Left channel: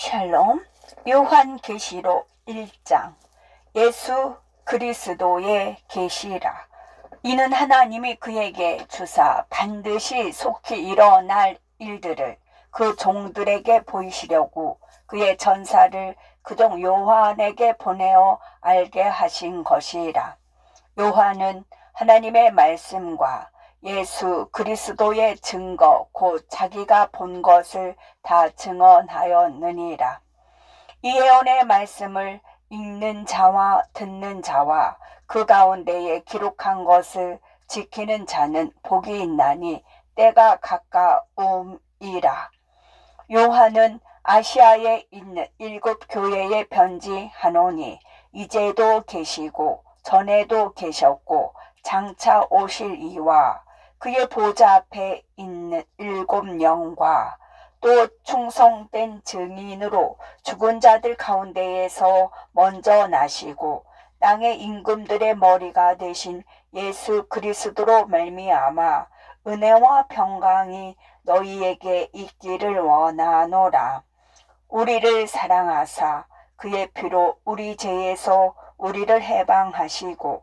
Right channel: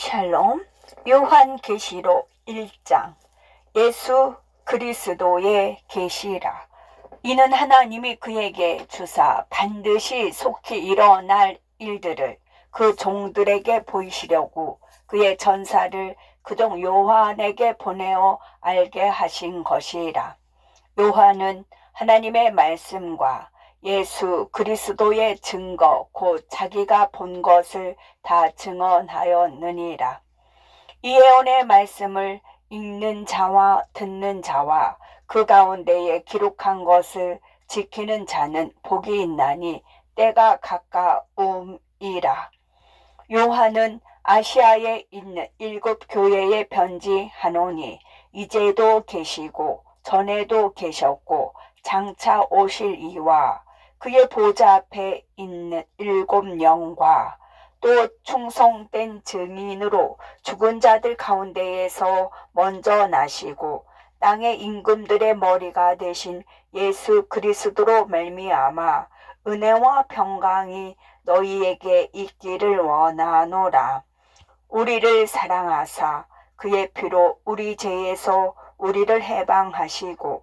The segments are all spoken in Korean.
샬롬 요한계시록 1장. 예수 그리스도의 계시라. 이는 하나님이 그에게 주사 반드시 속히 일어날 일들을 그 종들에게 보이시려고 그의 전사를 그종 요한에게 보내어 알게 하신 것이라. 요한은 하나님의 말씀과 예수 그리스도의 증거 곧 자기가 본 것을 다 증언하였느니라. 이 예언의 말씀을 읽는 자와 듣는 자와 그 가운데에 기록한 것을 지키는 자는 복이 있나니 때가 가까움이라. 요한은 아시아에 있는 일곱 교회에 편지하노니 이제도 계시고 전에도 계셨고 장차 오실 이와 그의 보좌 앞에 있는 일곱 영과 또 충성된 증인으로 죽은 자들 가운데에서 먼저 나시고 땅의 임금들의 머리가 되신 예수 그리스도로 말미암아 은혜와 평강이 너희에게 있기를 원하노라. 우리를 사랑하사 그의 피로 우리 죄에서 우리를 해방하시고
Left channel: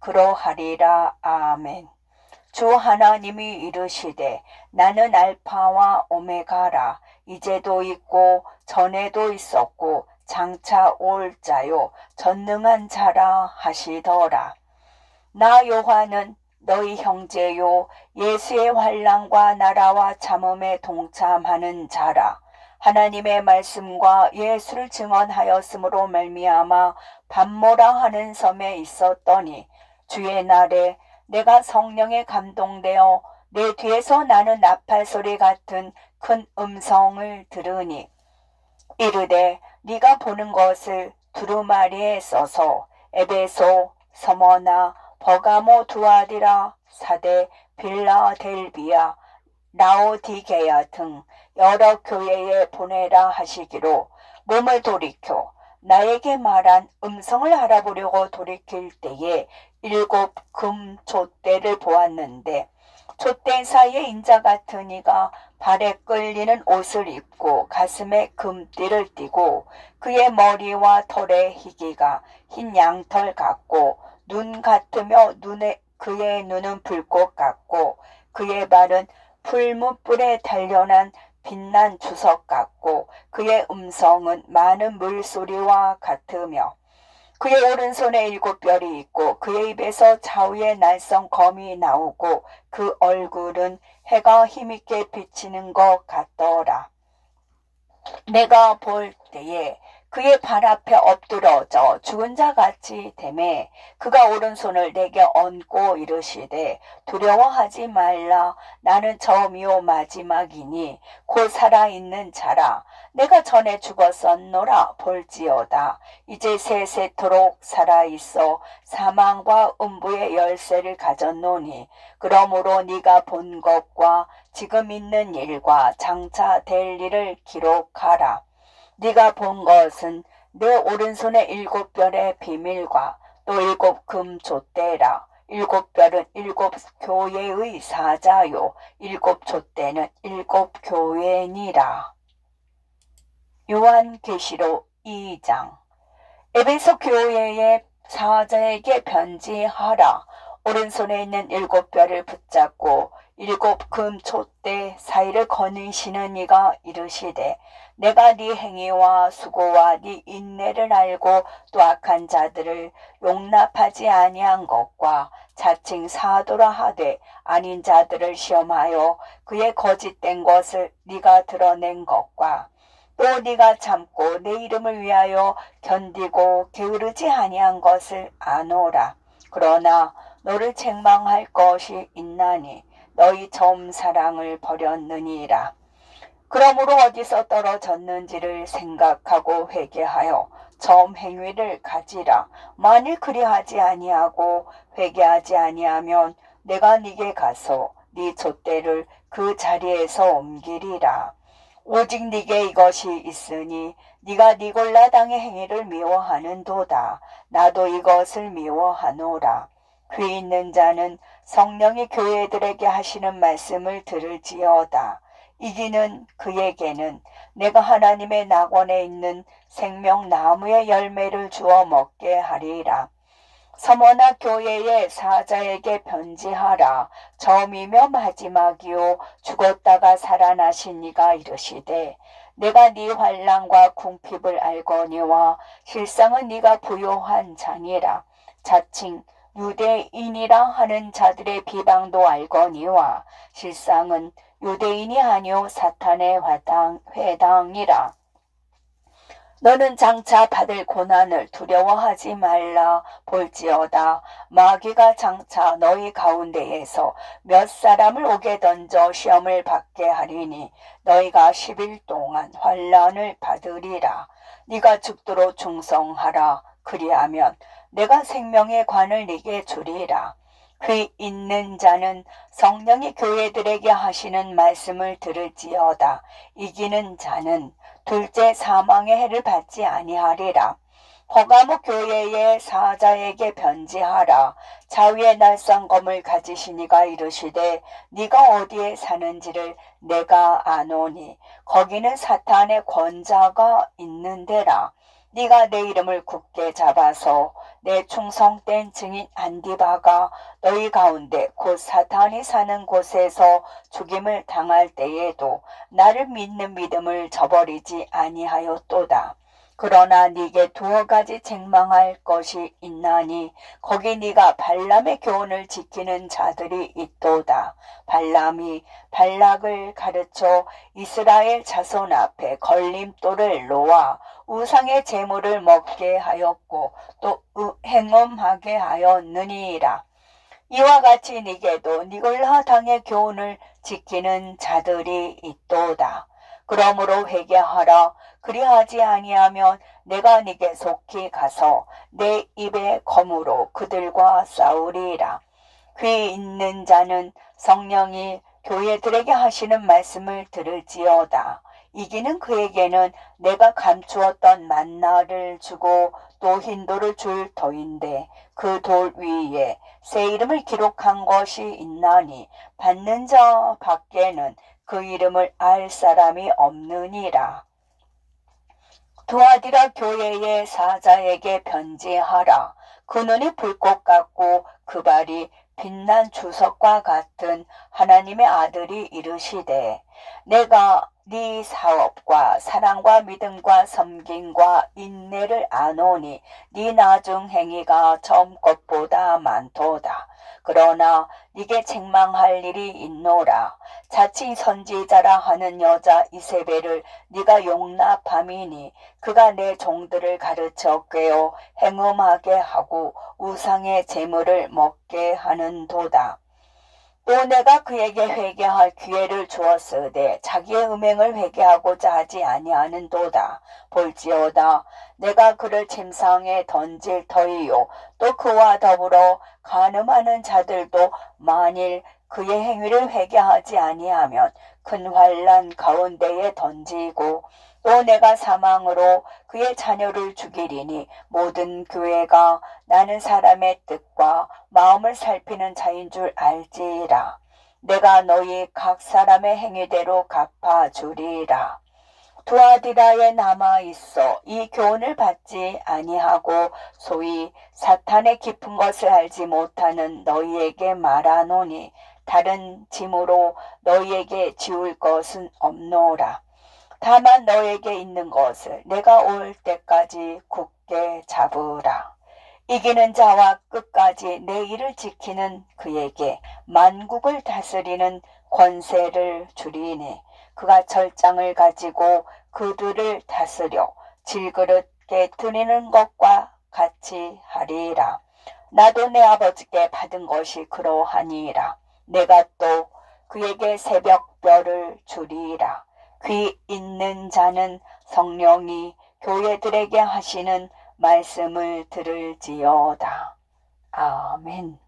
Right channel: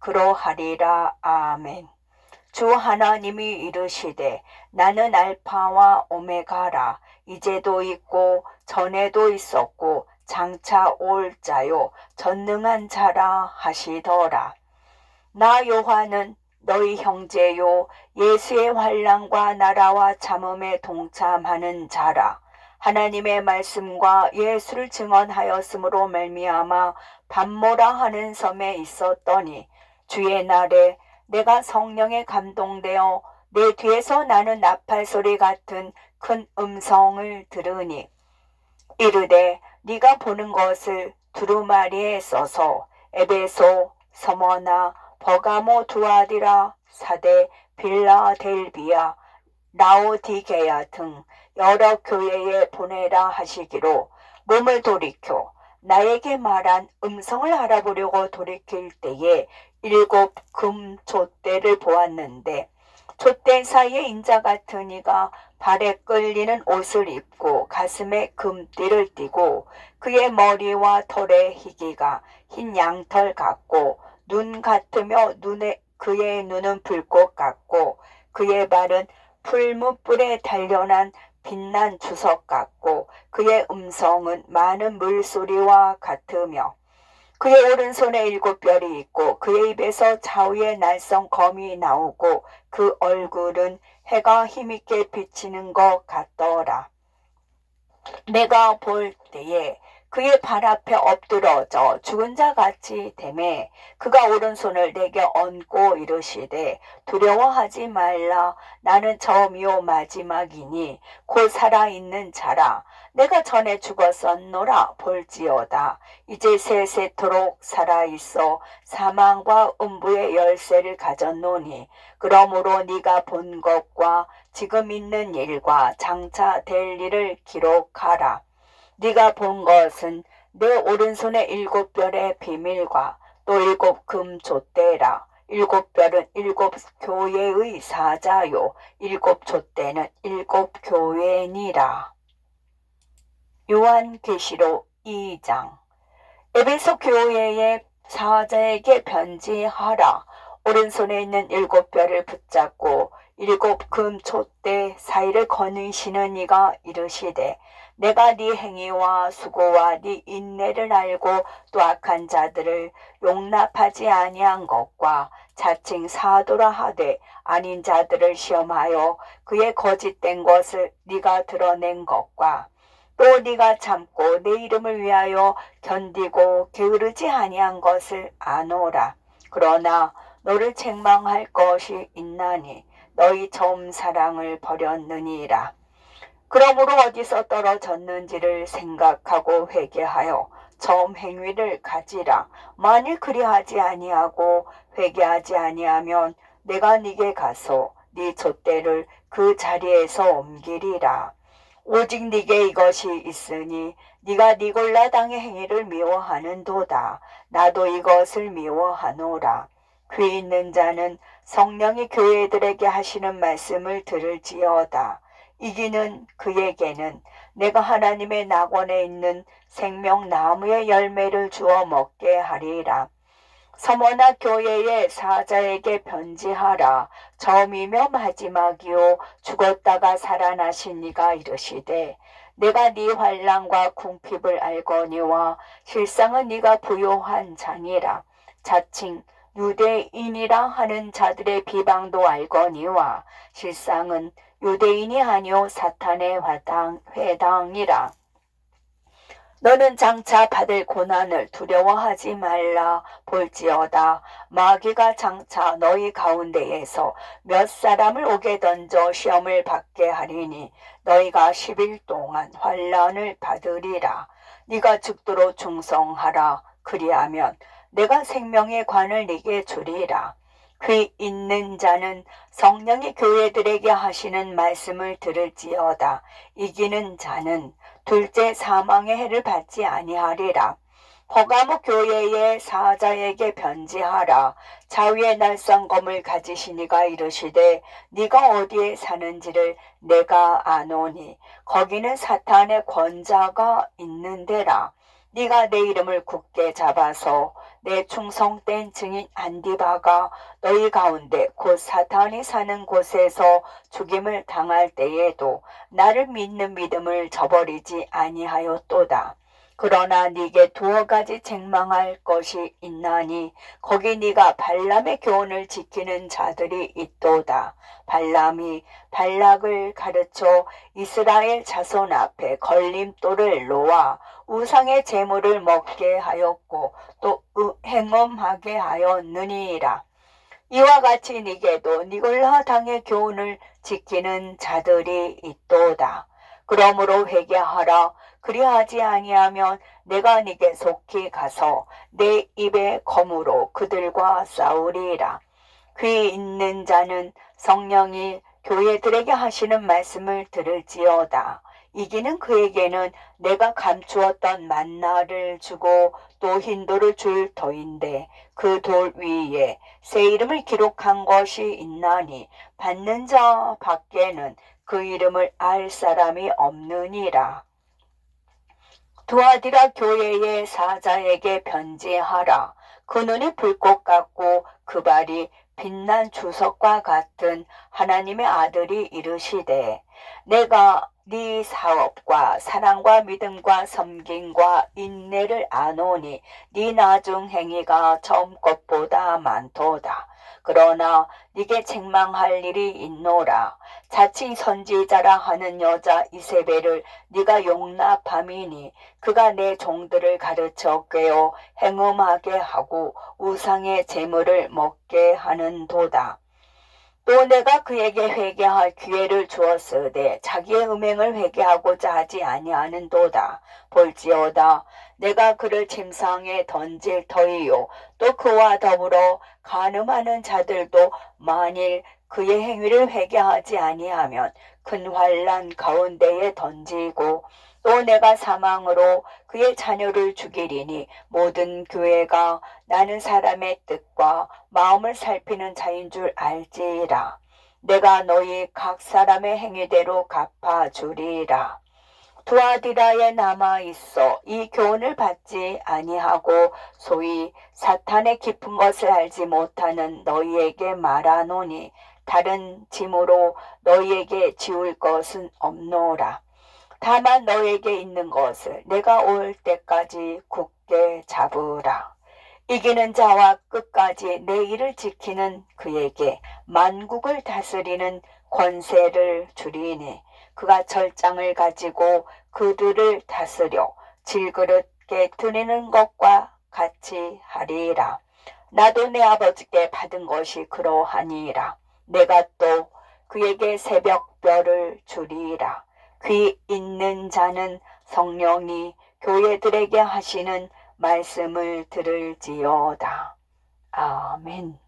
그러하리라. 아멘. 주 하나님이 이르시되 나는 알파와 오메가라 이제도 있고 전에도 있었고 장차 올 자요 전능한 자라 하시더라. 나 요한은 너희 형제요 예수의 환란과 나라와 참음에 동참하는 자라. 하나님의 말씀과 예수를 증언하였으므로 말미암아 밤모라 하는 섬에 있었더니 주의 날에 내가 성령에 감동되어 내 뒤에서 나는 나팔 소리 같은 큰 음성을 들으니 이르되 네가 보는 것을 두루마리에 써서 에베소 서머나 버가모 두아디라 사대 빌라델비아 라오디게야 등 여러 교회에 보내라 하시기로 몸을 돌이켜 나에게 말한 음성을 알아보려고 돌이킬 때에 일곱 금 촛대를 보았는데 촛대 사이에 인자 같은 이가 발에 끌리는 옷을 입고 가슴에 금띠를 띠고 그의 머리와 털의 희기가 흰 양털 같고 눈 같으며 눈에 그의 눈은 불꽃 같고 그의 발은 풀무불에 단련한 빛난 주석 같고 그의 음성은 많은 물소리와 같으며 그의 오른손에 일곱 별이 있고 그의 입에서 좌우의 날성 검이 나오고 그 얼굴은 해가 힘있게 비치는 것 같더라. 내가 볼 때에 그의 발 앞에 엎드러져 죽은 자 같이 되매 그가 오른손을 내게 얹고 이르시되 두려워하지 말라. 나는 처음이요 마지막이니 곧 살아있는 자라. 내가 전에 죽었었노라. 볼지어다. 이제 세세토록 살아있어 사망과 음부의 열쇠를 가졌노니 그러므로 네가 본 것과 지금 있는 일과 장차 될 일을 기록하라 네가 본 것은 내 오른손에 일곱 별의 비밀과 또 일곱 금 촛대라. 일곱 별은 일곱 교회의 사자요. 일곱 촛대는 일곱 교회니라. 요한계시록 2장 에베소 교회의 사자에게 편지하라. 오른손에 있는 일곱 별을 붙잡고 일곱 금 촛대 사이를 거느시는 이가 이르시되 내가 네 행위와 수고와 네 인내를 알고 또 악한 자들을 용납하지 아니한 것과 자칭 사도라 하되 아닌 자들을 시험하여 그의 거짓된 것을 네가 드러낸 것과 또 네가 참고 내 이름을 위하여 견디고 게으르지 아니한 것을 아노라. 그러나 너를 책망할 것이 있나니 너희 처음 사랑을 버렸느니라. 그러므로 어디서 떨어졌는지를 생각하고 회개하여 처음 행위를 가지라. 만일 그리하지 아니하고 회개하지 아니하면 내가 네게 가서 네 촛대를 그 자리에서 옮기리라. 오직 네게 이것이 있으니 네가 니골라 당의 행위를 미워하는도다. 나도 이것을 미워하노라. 귀 있는 자는 성령이 교회들에게 하시는 말씀을 들을지어다. 이기는 그에게는 내가 하나님의 낙원에 있는 생명 나무의 열매를 주어 먹게 하리라. 서머나 교회의 사자에게 변지하라. 처음이며 마지막이요 죽었다가 살아나신 이가 이르시되 내가 네 환란과 궁핍을 알거니와 실상은 네가 부요한 장이라. 자칭 유대인이라 하는 자들의 비방도 알거니와 실상은 유대인이 아니오 사탄의 회당, 회당이라. 너는 장차 받을 고난을 두려워하지 말라 볼지어다. 마귀가 장차 너희 가운데에서 몇 사람을 오게 던져 시험을 받게 하리니 너희가 10일 동안 환란을 받으리라. 네가 죽도록 충성하라. 그리하면 내가 생명의 관을 네게 주리라 귀 있는 자는 성령이 교회들에게 하시는 말씀을 들을지어다 이기는 자는 둘째 사망의 해를 받지 아니하리라. 허가모 교회의 사자에게 변지하라. 자위의 날쌍검을 가지시니가 이르시되 네가 어디에 사는지를 내가 아노니 거기는 사탄의 권자가 있는 데라. 네가 내 이름을 굳게 잡아서 내 충성된 증인 안디바가 너희 가운데 곧 사탄이 사는 곳에서 죽임을 당할 때에도 나를 믿는 믿음을 저버리지 아니하였도다. 그러나 네게 두어 가지 책망할 것이 있나니 거기 네가 발람의 교훈을 지키는 자들이 있도다. 발람이 발락을 가르쳐 이스라엘 자손 앞에 걸림돌을 놓아 우상의 재물을 먹게 하였고 또 행엄하게 하였느니라. 이와 같이 네게도 니골라 당의 교훈을 지키는 자들이 있도다. 그러므로 회개하라. 그리하지 아니하면 내가 네게 속히 가서 내 입의 검으로 그들과 싸우리라. 귀 있는 자는 성령이 교회들에게 하시는 말씀을 들을지어다. 이기는 그에게는 내가 감추었던 만나를 주고 또 흰돌을 줄 터인데 그 돌 위에 새 이름을 기록한 것이 있나니 받는 자 밖에는 그 이름을 알 사람이 없느니라. 두아디라 교회의 사자에게 변지하라. 그 눈이 불꽃 같고 그 발이 빛난 주석과 같은 하나님의 아들이 이르시되 내가 네 사업과 사랑과 믿음과 섬김과 인내를 아노니 네 나중 행위가 처음 것보다 많도다. 그러나 네게 책망할 일이 있노라. 자칭 선지자라 하는 여자 이세벨을 네가 용납함이니 그가 내 종들을 가르쳐 꿰어 행음하게 하고 우상의 재물을 먹게 하는 도다. 또 내가 그에게 회개할 기회를 주었으되 자기의 음행을 회개하고자 하지 아니하는도다. 볼지어다 내가 그를 침상에 던질 터이요 또 그와 더불어 간음하는 자들도 만일 그의 행위를 회개하지 아니하면 큰 환란 가운데에 던지고 또 내가 사망으로 그의 자녀를 죽이리니 모든 교회가 나는 사람의 뜻과 마음을 살피는 자인 줄 알지라. 내가 너희 각 사람의 행위대로 갚아주리라. 두아디라에 남아 있어 이 교훈을 받지 아니하고 소위 사탄의 깊은 것을 알지 못하는 너희에게 말하노니 다른 짐으로 너희에게 지울 것은 없노라. 다만 너에게 있는 것을 내가 올 때까지 굳게 잡으라. 이기는 자와 끝까지 내 일을 지키는 그에게 만국을 다스리는 권세를 주리니 그가 절장을 가지고 그들을 다스려 질그릇게 드리는 것과 같이 하리라. 나도 내 아버지께 받은 것이 그러하니라. 내가 또 그에게 새벽별을 주리라. 귀 있는 자는 성령이 교회들에게 하시는 말씀을 들을지어다. 아멘.